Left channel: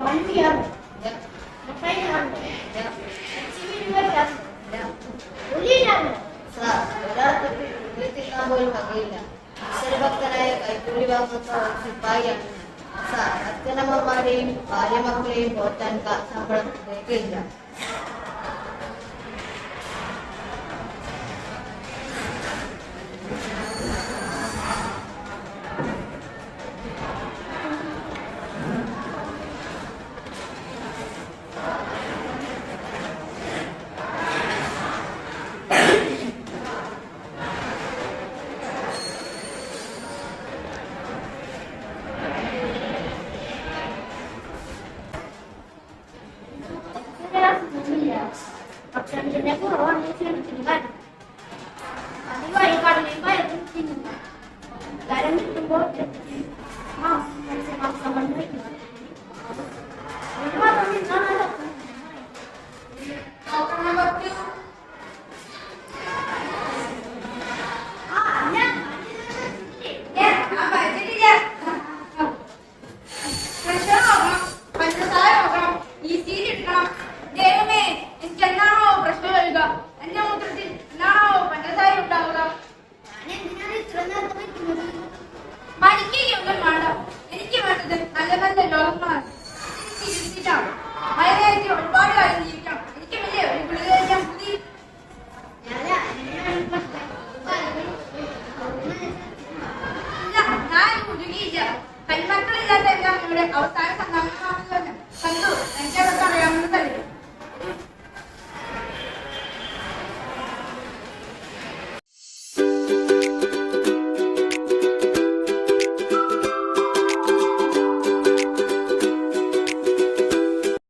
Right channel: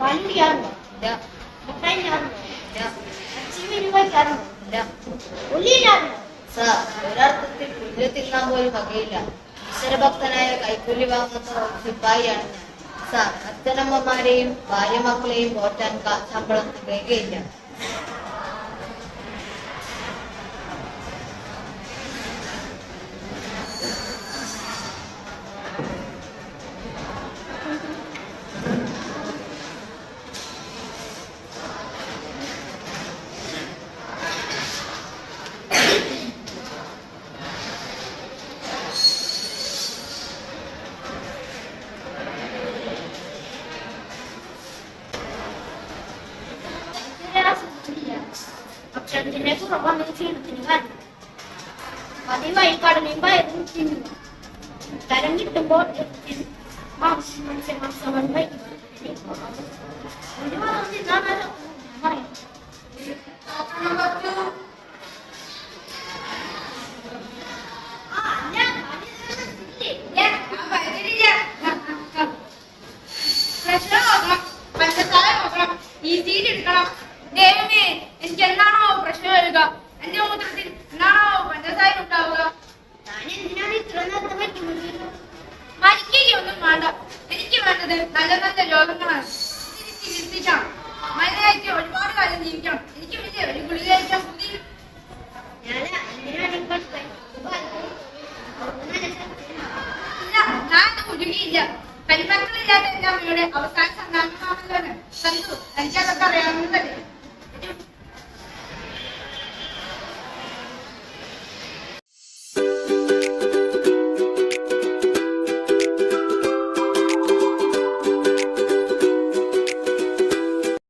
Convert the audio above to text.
വണ്ടിയാണോ? മിഠായിയാണോ? Sir, ഒരർത്ഥത്തിൽ പുല്ല് തിന്നാൻ പോലും വകയില്ല. ഈശ്വരഭക്തനായ കൈക്കൂലി വാങ്ങുന്ന സിപ്പായിയാണ് ഞാൻ. സാർ, അച്ഛനമ്മമാരെയും ഭാര്യമക്കളെയും പോറ്റാൻ ശമ്പളം തികയില്ല. ഭക്ഷണത്തിന്റെ കുറവാണ് ക്ഷീണത്തിന് കാരണം. പതിവായി കടലയും പയറും തിന്നുക. തരം കിട്ടുമ്പോൾ മത്സ്യമാംസങ്ങൾ വയ്ക്കുക. ഒരു മതം തിന്നാണ് പറയാം. ദൈവമേ, എനിക്ക് എന്താണോ പ്രശ്നം വരിക? എന്റെ മൂത്രത്തിൽ എന്താണോ പഞ്ചസാര ഉണ്ടാവുക? മരിക്കുകയൊന്നും വേണ്ട. എനിക്ക് വേണ്ടത് നല്ല നല്ല രോഗങ്ങളാണ്. ചികിത്സിക്കാം. മരുന്നായിട്ട്